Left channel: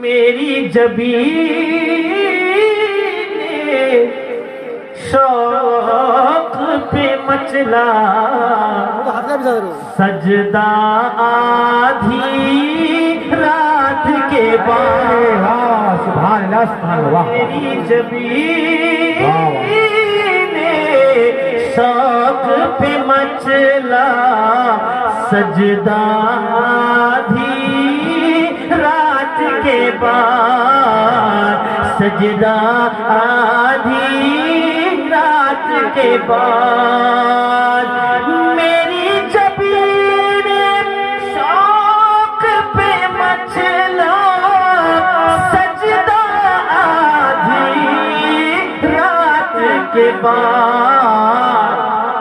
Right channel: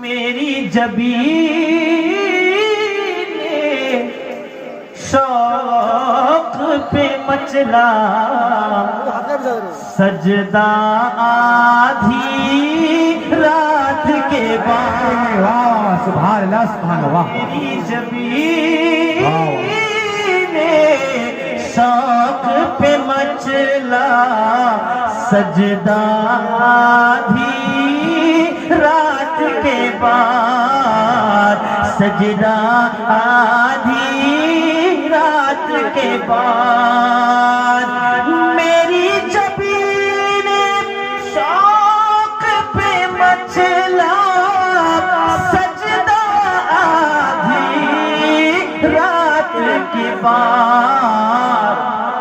میری جبین شوق پہ مچلا سجدہ آدھی رات کے بعد سبحان اللہ سبحان اللہ میری جبین شوق پہ مچلا سجدہ آدھی رات کے بعد سجدہ آدھی رات کے بعد میری جبین شوق پہ مچلا سجدہ آدھی رات کے بعد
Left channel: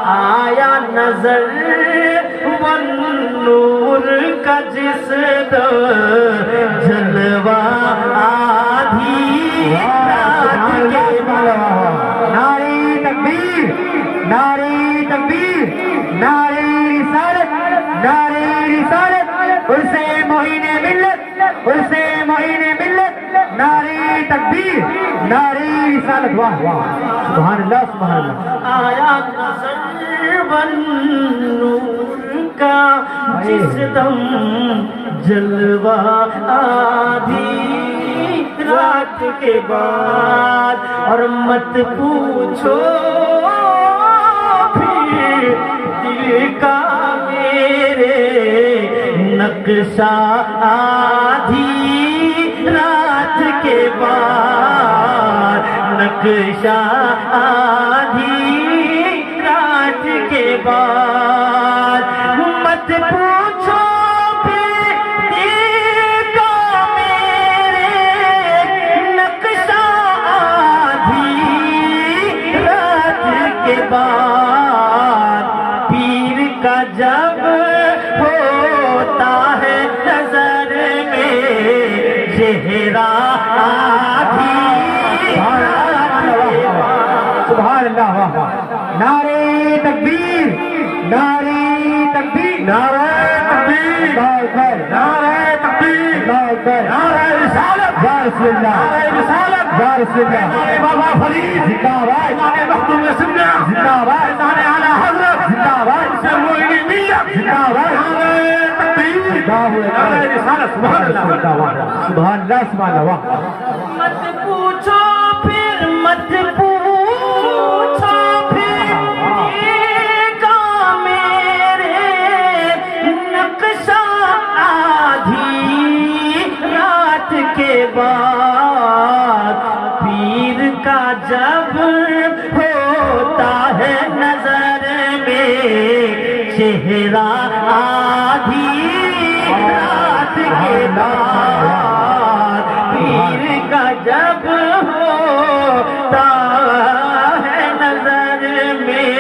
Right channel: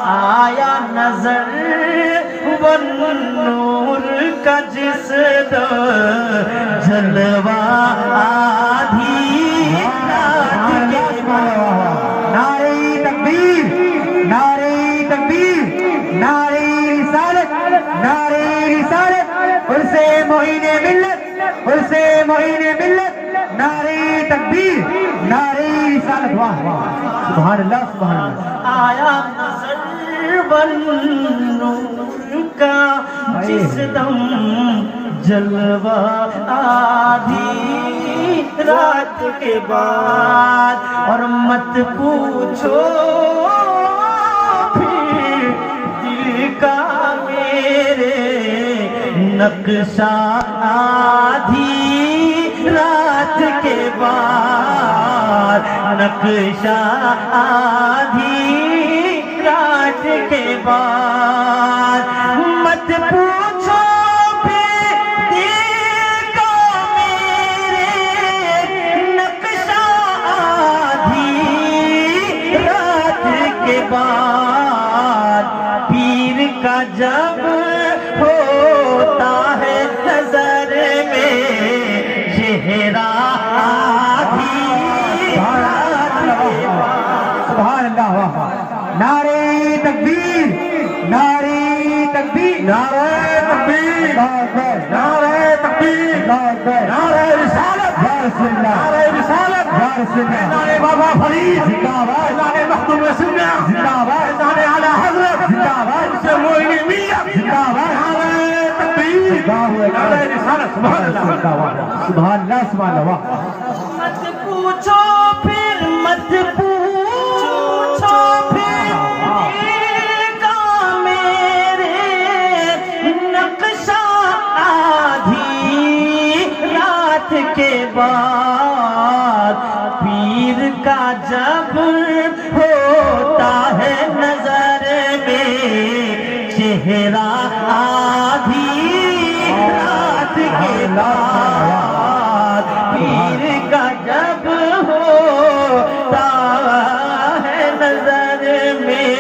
آیا نظر وہ نور کا جس جلوہ آدھی رات کے بعد نعرہ تکبیر نعرہ تکبیر نعرہ رسالت نعرہ رسالت اسے معین ملت اسے معین ملت نعرہ تکبیر نعرہ رسالت واہ واہ سبحان اللہ سبحان اللہ آیا نظر والنور کا جس دم جلوہ آدھی رات کے بعد اور مت پوچھو پھر دل کا میرے نقشہ آدھی رات کے بعد نقشہ آدھی رات کے بعد مت پوچھو پھر دل کا میرے نقشہ آدھی رات کے بعد پیر کا جب ہوتا ہے نظر میں چہرہ آدھی رات کے بعد سبحان اللہ واہ واہ نعرہ تکبیر نعرہ تکبیر نعرہ تکبیر نعرہ تکبیر نعرہ رسالت یا رسول اللہ نعرہ رسالت یا رسول اللہ نعرہ بابا فرید زندہ باد نعرہ مخدوم سنہ زندہ باد نعرہ اعلی حضرت زندہ باد سے معین ملت زندہ باد نعرہ تکبیر نعرہ رسالت سبحان اللہ سبحان اللہ سبحان اللہ مت پوچھو پھر مت پوچھو پھر دل کا میرے نقشہ آدھی رات کے بعد پیر کا جب ہوتا ہے نظر میں چہرہ آدھی رات کے بعد پیر کا جب ہوتا ہے نظر میں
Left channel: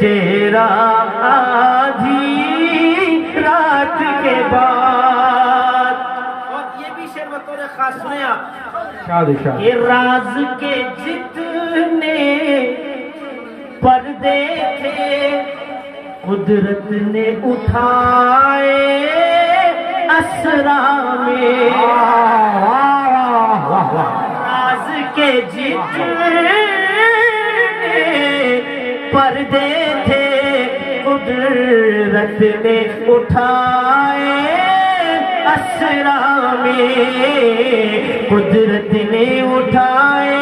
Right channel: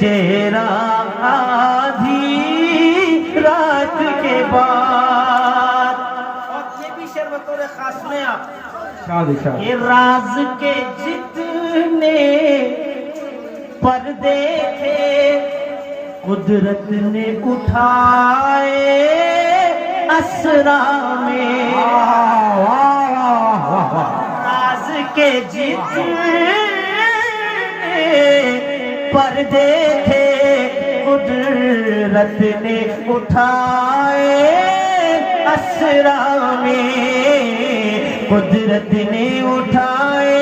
چہرہ آدھی رات کے بعد اور یہ بھی شعر بطور خاص سنیں آپ یہ راز کے جتنے پردے تھے قدرت نے اٹھائے اسرا میں راز کے جتنے پردے تھے قدرت نے اٹھائے اسرا میں قدرت نے اٹھائے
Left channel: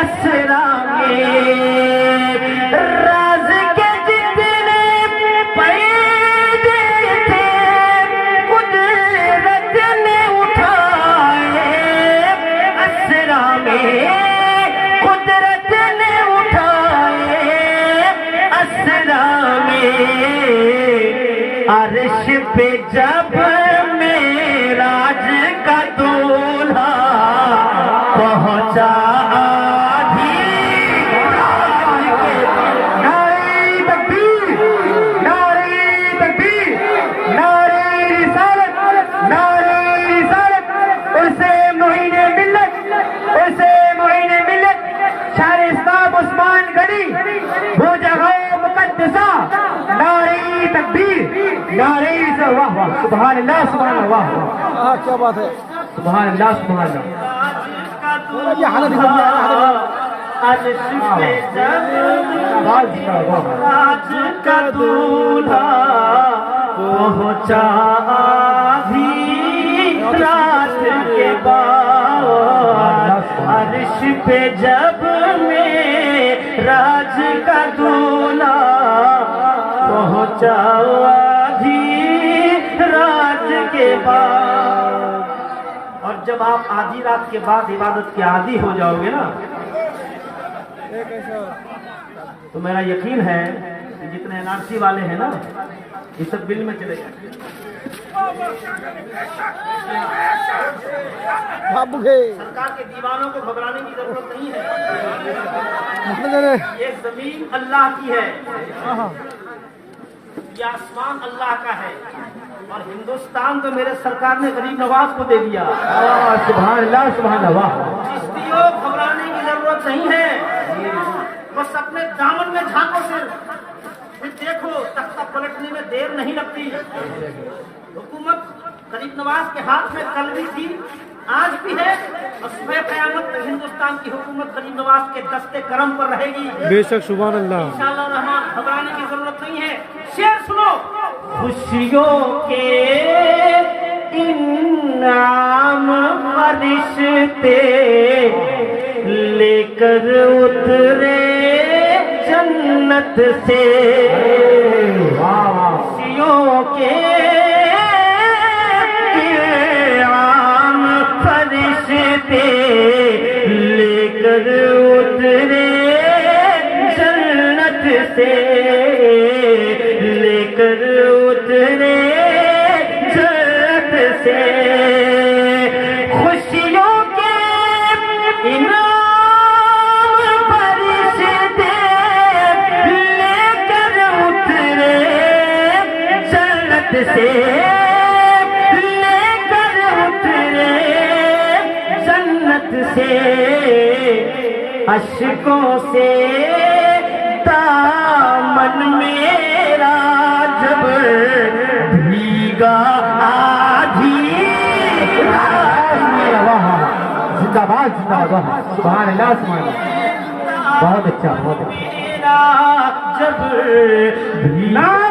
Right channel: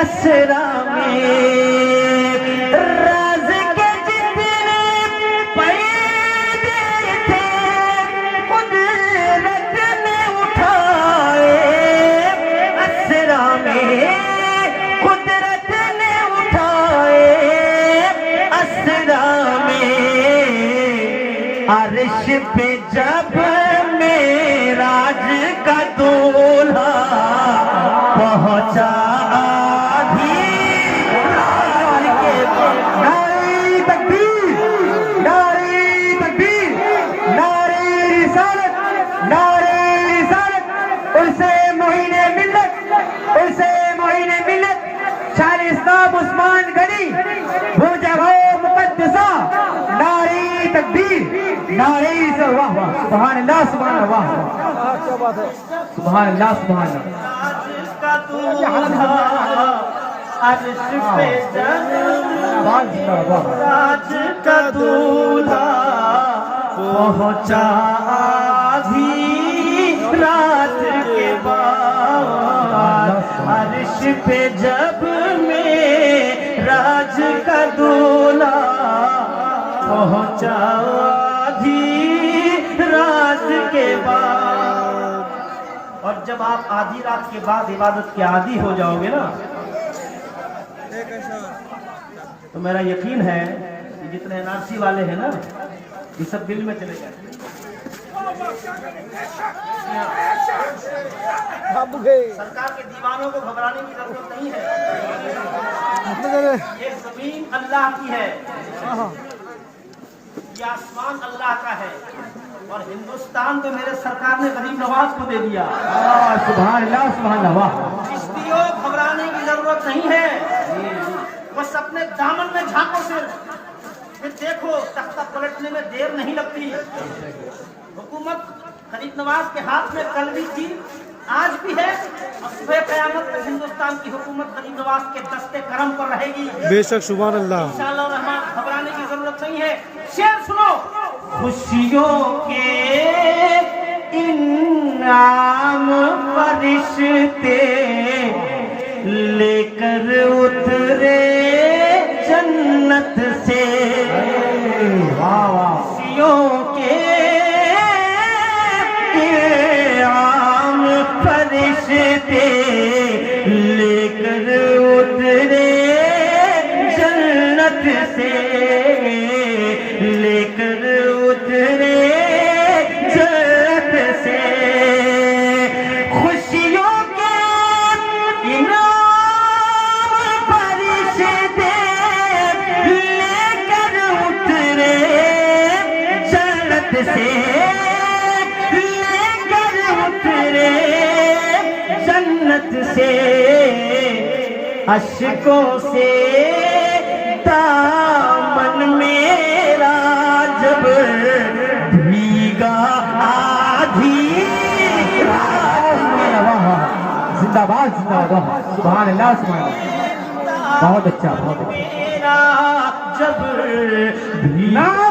اسرا میں راز کے جتنے پردے تھے قدرت نے اٹھائے اسرا میں قدرت نے اٹھائے اسرا میں عرش پہ جب معراج کا دولہا پہنچا آدھی رات کے بعد نعرہ تکبیر نعرہ تکبیر نعرہ رسالت نعرہ رسالت اسے معین ملت اسے معین ملت شہر اسلام عثمان گڑھی وہ جگہ مقدسہ نعرہ تکبیر نعرہ واہ واہ سبحان اللہ سبحان اللہ واہ واہ کیا بات ہے سبحان اللہ سبحان اللہ عرش پہ جب آواز نہ واہ راج کا دولہا پہنچا آدھی رات کے بعد عرش پہ جب میں راج کا دولہا پہنچا آدھی رات کے بعد. اور جب آپ آدھی رات کے بعد عبادت کے عادی ہو جاؤ گے نا تو میرا یقین ہے کہ جتنے NRC والے ہیں نا یہ سب دل میں چلے جائیں. سرکار کے دیوانوں کو گھبرانے کی ضرورت نہیں ہے. یہ زمین اللہ کی ہے, یہ آسمان اللہ کا ہے, اور ہندوستان تو میرے سرکار نے غریب نواز کو دے دیا. سبحان اللہ سبحان اللہ چشتیوں گھبرانے کی ضرورت نہیں ہے, بس اپنے دامن میں جھانکو صرف, پھر دیکھو تختہ پلٹنے میں دیر نہیں لگتی. حکومت غریب نواز کے ہاتھ میں کل بھی تھی, آج بھی ہے, اور صبح قیامت تک ہندوستان کی حکومت غریب نواز کے دستے کرم پر رہے گی. بے شک سبحان اللہ انشاءاللہ الرحمن گھبرانے کی ضرورت نہیں ہے. شعر سنو. خوشیوں کے انعام فرشتے لے کر اترے جنت سے, خوشیوں کے انعام فرشتے لے کر اترے جنت سے, لے کر اترے جنت سے. خوشیوں کے انعام فرشتے لے کر اترے جنت سے, لے کر اترے جنت سے. اشکوں سے دامن میرا جب بھیگا آدھی زندہ باد زندہ باد سبحان اللہ سبحان اللہ بہت اچھا بہت اچھا میرا جب بھیگا